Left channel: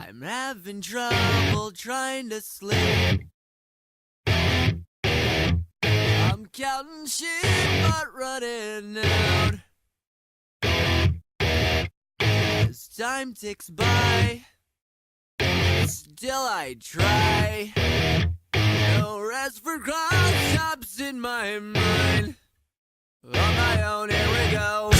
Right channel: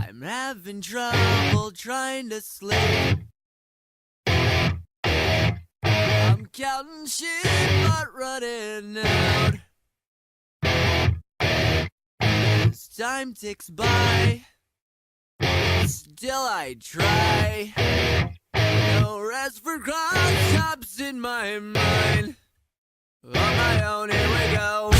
I'm having trouble trying to sleep. I'm counting sheep but running out. As time ticks by, still I try. No rest for cross-tops in my mind. On my own, here we go.